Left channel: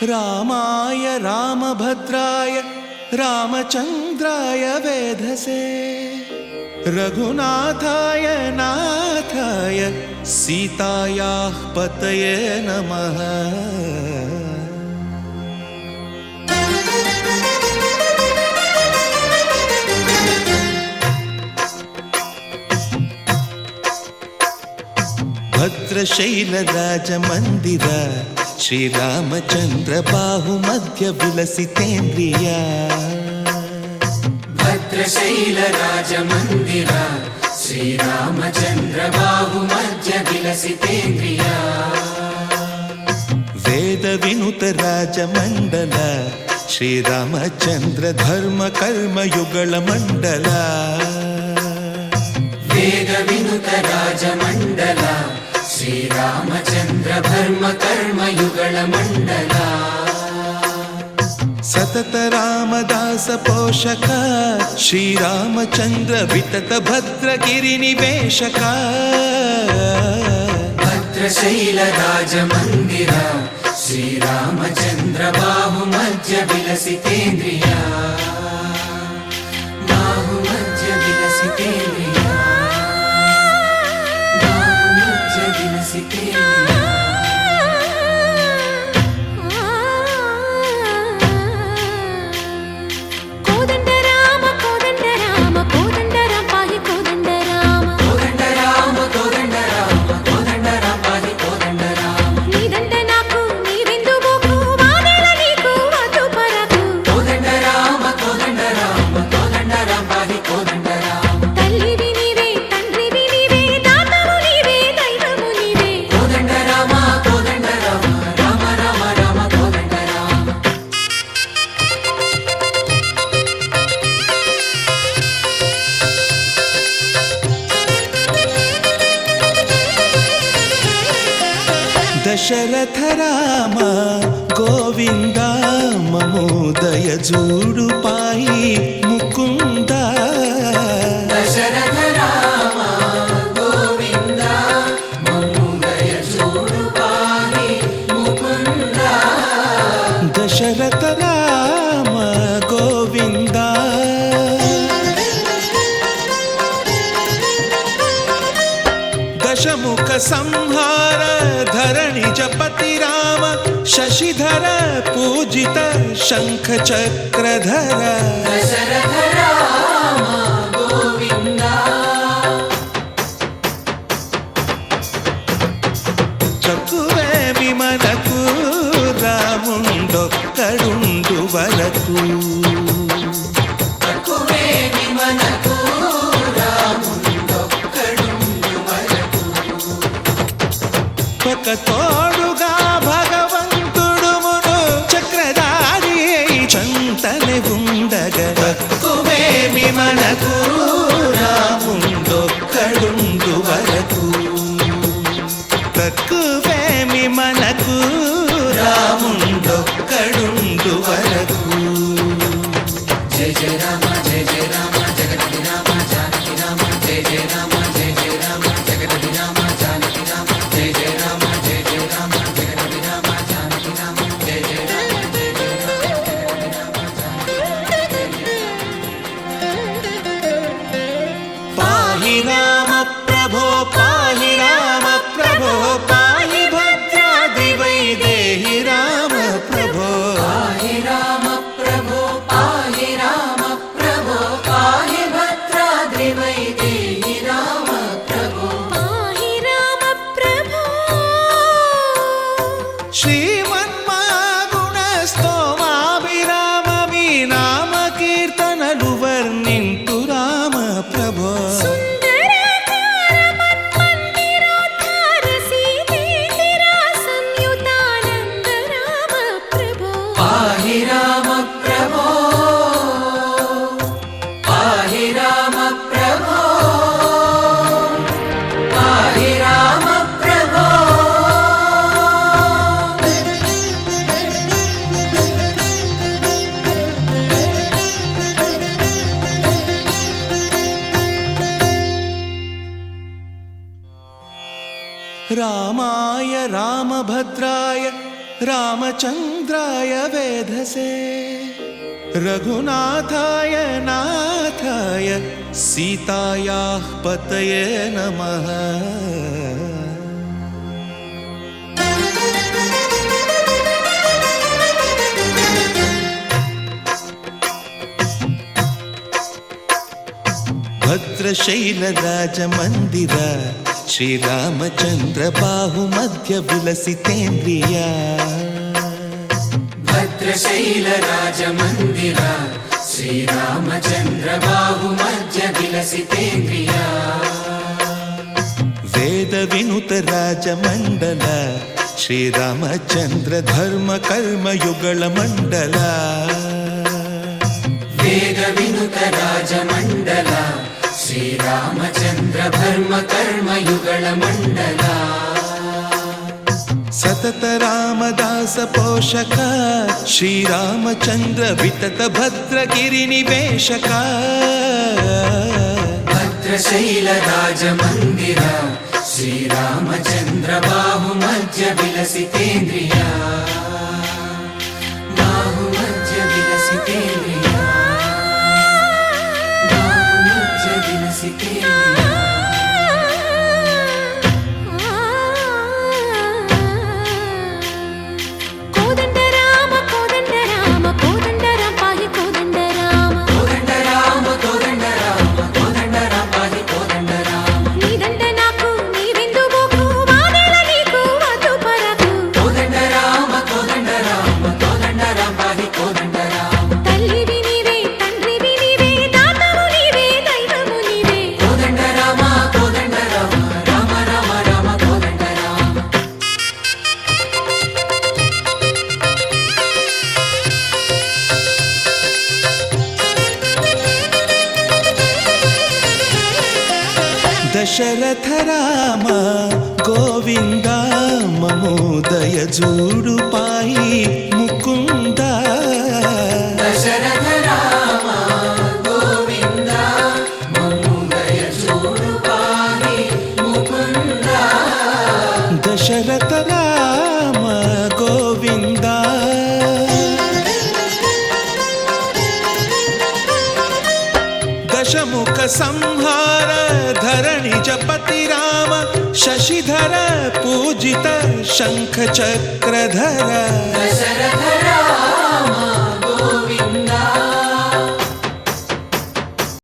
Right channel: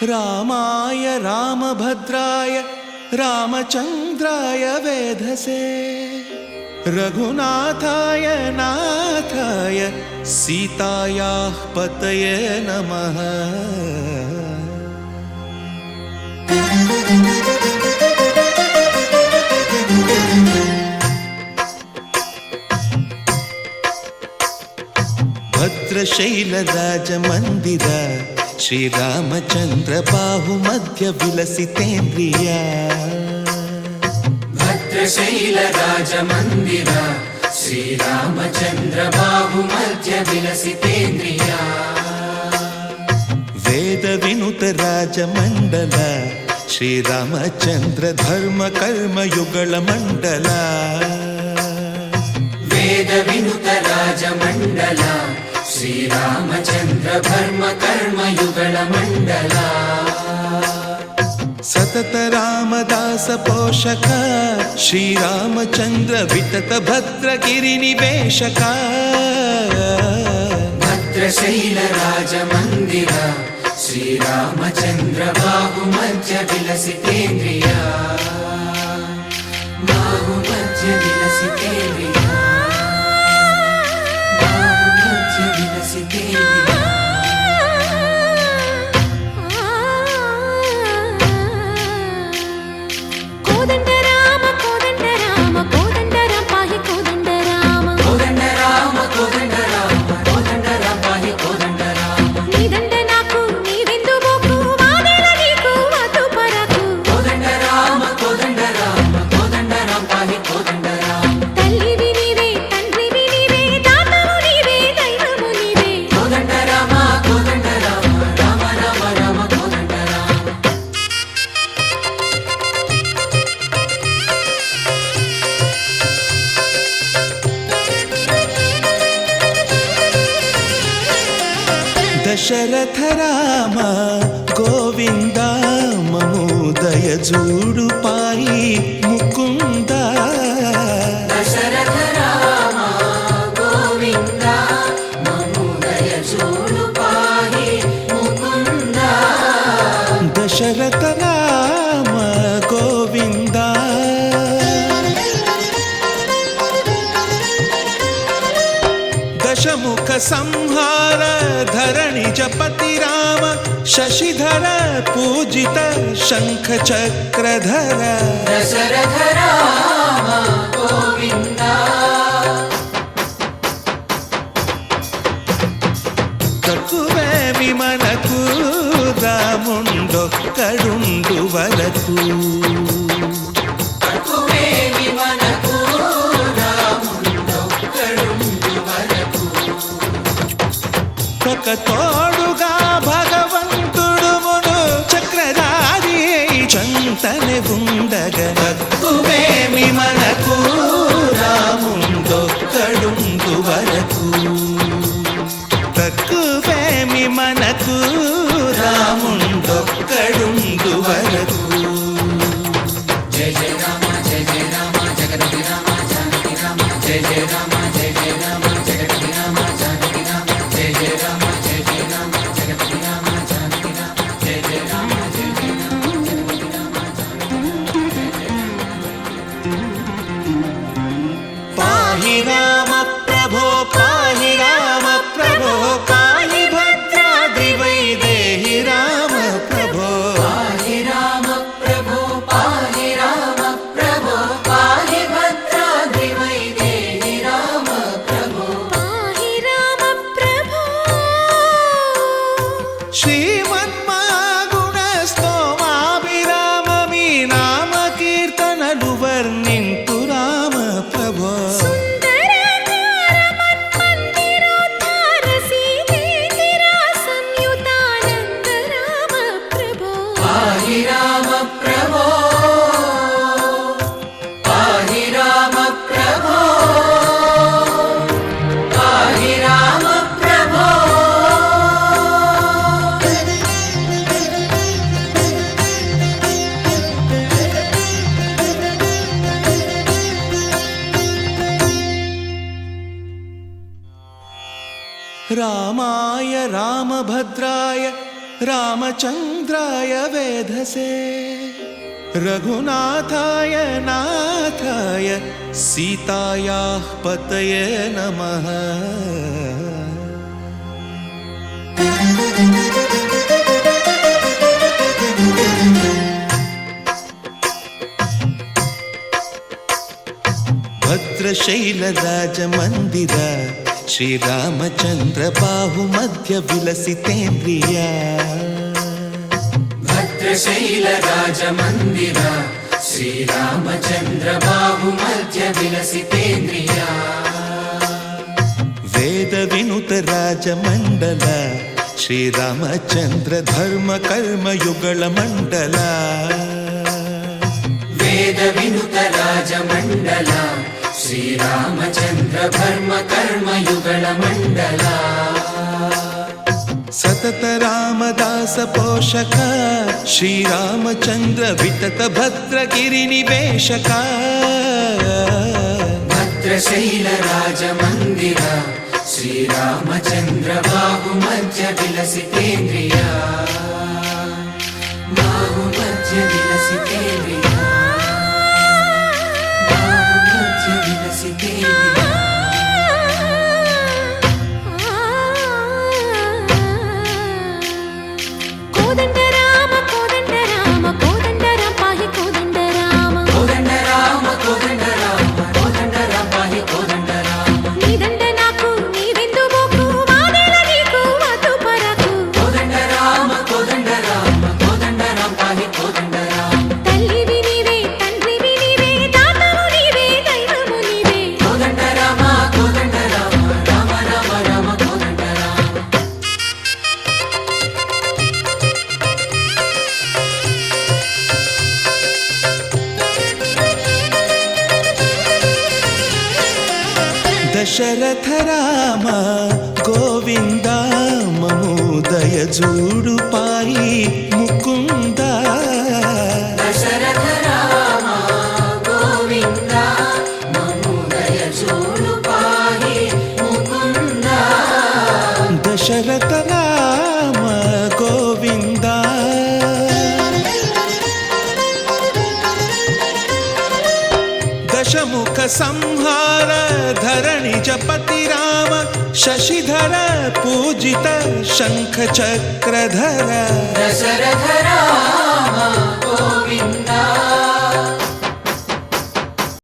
रामाय रामभद्राय रामचन्द्राय वेधसे रघुनाथाय नाथाय सीतायाः पतये नमः। भद्रशैलराजमन्दिर श्रीरामचन्द्र बाहुमध्य विलसितेन्द्रिया। भद्रशैलराजमन्दिर श्रीरामचन्द्र बाहुमध्य विलसितेन्द्रिया। वेदविनुत राजमण्डल श्रीरामचन्द्र धर्म कर्म युगल मण्डल। वेदविनुत राजमण्डल श्रीरामचन्द्र धर्म कर्म युगल मण्डल। सतत रामदास पोषक श्रीरामचन्द्र वितत भद्रगिरि निवेशक। भद्रशैल राजमन्दिर श्रीरामचन्द्र बाहुमध्य विलसितेन्द्रिया। बाहुमध्य विलसितेन्द्रिया। बाहुमध्य विलसितेन्द्रिया। कोदंड राम पाहि कोदंड राम। कोदंड राम पाहि कोदंड राम। नी दंड नाकु नीविंदु बोकु वादेल नीकु वतु परकु। कोदंड राम पाहि कोदंड राम। तल्लिवि नीवे तंड्रिवि नीवे दातवु नीवे दैवमु नीवे। कोदंड राम राम राम राम कोदंड राम। दशरथ राम गोविंद ममोदय जूडु पाहि मुकुंद। दशरथ राम गोविंद ममोदय जूडु पाहि मुकुंद। दशरथ राम गोविंद दशमुख संहार धरणि जपति राम शशिधर पूजित शंख चक्रधर। दशरथ राम गोविंद। తక్కువేమి మనకు రాముండొక్కడుండు వరకు। తక్కువేమి మనకు రాముండొక్కడుండు వరకు। ఒక తోడుగా భగవంతుడు మును చక్రధారి చంతనే ఉండగా తక్కువేమి మనకు రాముండొక్కడుండు వరకు। తక్కువేమి మనకు రాముండొక్కడుండు వరకు। జయ జయ రామ జయ జయ రామ జగతి రామ జానకి రామ జయ జయ రామ జయ జయ రామ జగతి రామ జానకి రామ జయ జయ రామ జయ జయ రామ జగతి రామ జానకి రామ జయ జయ రామ జయ జయ రామ। పాహి రామ ప్రభో పాహి రామ ప్రభో పాహి భద్రాద్రి వైదేహి రామ ప్రభో। పాహి రామ ప్రభో పాహి రామ ప్రభో పాహి భద్రాద్రి వైదేహి రామ ప్రభో। पाहि राम प्रभो। శ్రీమన్మాగుణ స్తోమాభిరామ మీ నామ కీర్తనలు వర్ణింతు రామ ప్రభో। सुन्दराकार मन्मन्दिरोद्धार सीतेन्दिरा संयुतानन्द राम प्रभो। पाहि राम प्रभो पाहि राम प्रभो पाहि राम प्रभो। रामाय रामभद्राय रामचन्द्राय वेधसे रघुनाथाय नाथाय सीतायाः पतये नमः। भद्रशैलराजमन्दिर श्रीरामचन्द्र बाहुमध्य विलसितेन्द्रिया। भद्रशैलराजमन्दिर श्रीरामचन्द्र बाहुमध्य विलसितेन्द्रिया। वेदविनुत राजमण्डल श्रीरामचन्द्र धर्म कर्म युगल मण्डल। वेदविनुत राजमण्डल श्रीरामचन्द्र धर्म कर्म युगल मण्डल। सतत रामदास पोषक श्रीरामचन्द्र वितत भद्रगिरिनिवेशक। भद्रशैलराजमन्दिर श्रीरामचन्द्र बाहुमध्य विलसितेन्द्रिया। बाहुमध्य विलसितेन्द्रिया। बाहुमध्य विलसितेन्द्रिया। కోదండ రామ కోదండ రామ కోదండ రామ పాహి కోదండ రామ కోదండ రామ కోదండ రామ కోదండ రామ పాహి కోదండ రామ। నీదండ నాకు నీవెందు బోకు వాదేల నీకు వద్దు పరకు కోదండ రామ కోదండ రామ కోదండ రామ పాహి కోదండ రామ। తల్లివి నీవే తండ్రివి నీవే దాతవు నీవే దైవము నీవే కోదండ రామ కోదండ రామ రామ రామ రామ కోదండ రామ। दशरथ राम गोविंद ममो दय जूडु पाई मुकुंद। दशरथ राम गोविंद ममो दय जूडु पाहि मुकुंद। दशरथ राम गोविंद दशमुख संहार धरणि जपति राम शशिधर पूजित शंख चक्रधर। दशरथ राम